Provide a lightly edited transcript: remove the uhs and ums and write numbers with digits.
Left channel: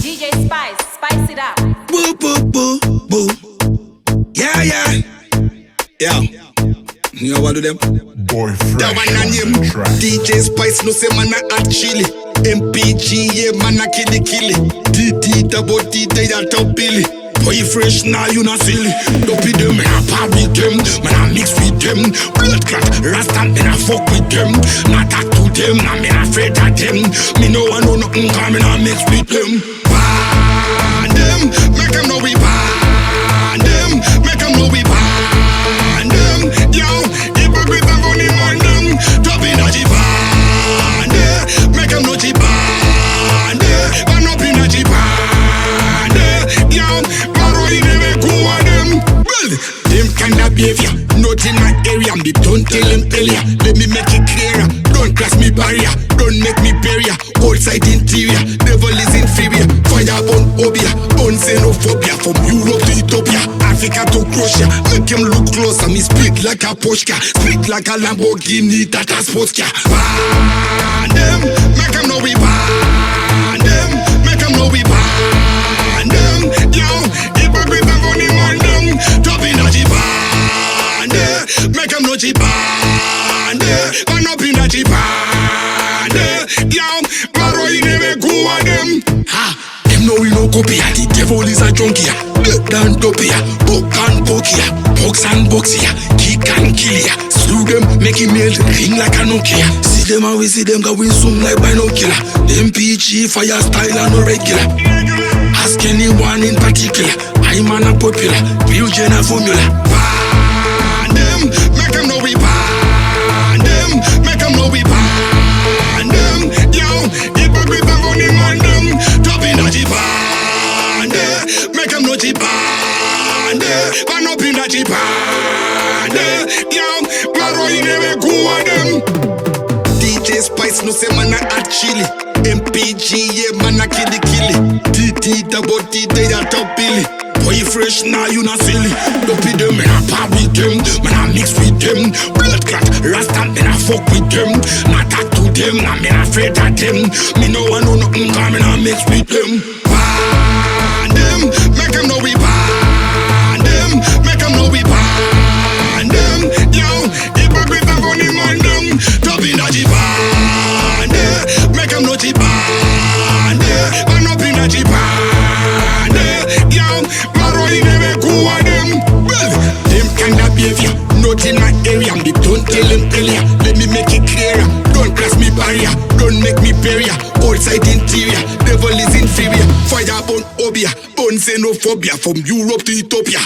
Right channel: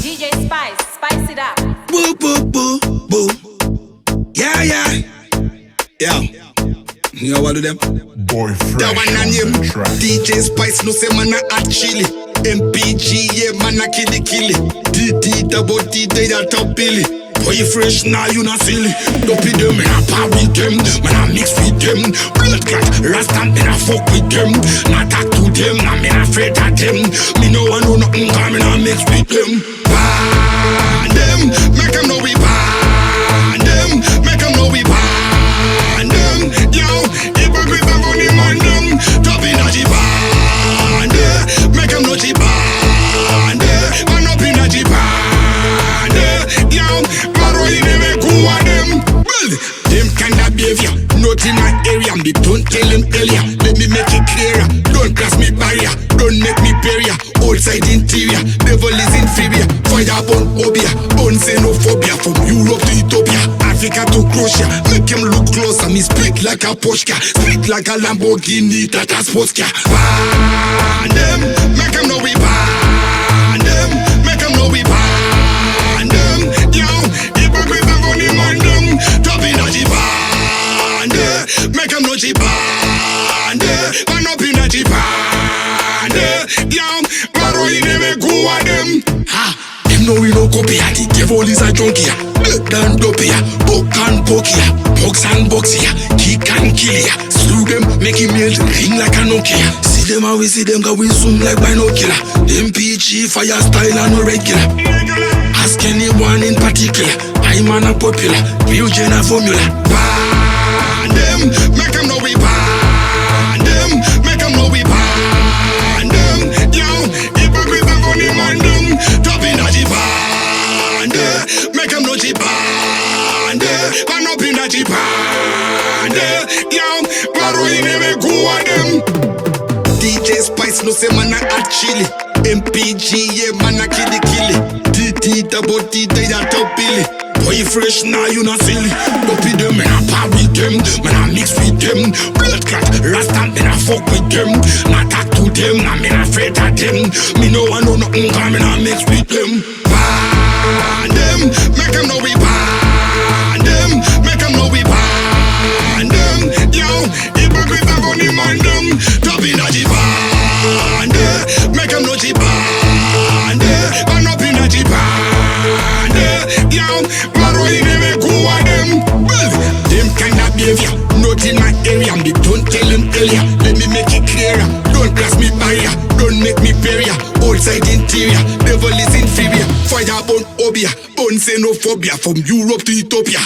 DJ Spice, spice it up. Boo, boo, boo, boo. Yeah, yeah. Yeah. You know what do them? Boy Fresh That one on and him. the track. DJ Spice no say man a hot chili. MPG yeah man a killy. DD double D they a top billy. Boy Fresh now you not silly. Dopey them man a par with them. Man a mix with them. Blood clot Rasta man a fuck with them. Not talk to them. Nah man afraid of them. Me no one know nothing cause me not mix with them. Ban them. Make them know we ban them. Make them know we ban them. Yo, hypocrite and funny man them. Top in a G-band. Make them know G-band. Man up in a G-band. Yo, Maro you never go at them. Well, them kind of behavior not in my area. Me don't tell them earlier. Let me make it clearer. Don't cross me barrier. Don't make me barrier. Outside interior. Devil is inferior. Fire on obia. On xenophobia. From Europe to Ethiopia. Africa to Croatia. Make him look closer. Me speak like a Porsche. Speak like a Lamborghini. That a sports car. Ban them. Make him know we ban them. Make him know we ban them. Yo, hypocrite and funny man them. Top in a G-band. Make him know G-band. Man up in a G-band. Yo, Maro you never go at them. Ha, them know we no copy. The devil is a junkie. Dead and dopey. Book and pokey. Box and boxy. Kick and kill ya. Slew them, make him melt, ring like a Nokia. See them how we see them, cause we zoom like binocular. MPG, fire style and no regular. Ask anyone in particular. I'm an unpopular. Real Jenna formula. Ban them, make them know we ban them. Make them know we ban them. Yo, hypocrite and funny man them. Top in a G-band. Make them know G-band. Man up in a G-band. Yo, Maro you never go at them. DJ Spice no say man a hot chili. MPG yeah man a killy. DD double D they a top billy. Boy Fresh now you not silly. Dopey them man a par with them. Man a mix with them. Blood clot Rasta man a fuck with them. Not talk to them. Nah man afraid of them. Me no one know nothing cause me not mix with them. Ban them. Make them know we ban them. Make them know we ban them. Yo, hypocrite and funny man them. Top in a G-band. Make them know G-band. Man up in a G-band. Yo, Maro you never go at them. Well, them kind of behavior not in my area. Me don't tell them earlier. Let me make it clearer. Don't cross me barrier. Don't make me barrier. Outside interior. Devil is inferior. Fire on obia. On xenophobia. From Europe to Ethiopia.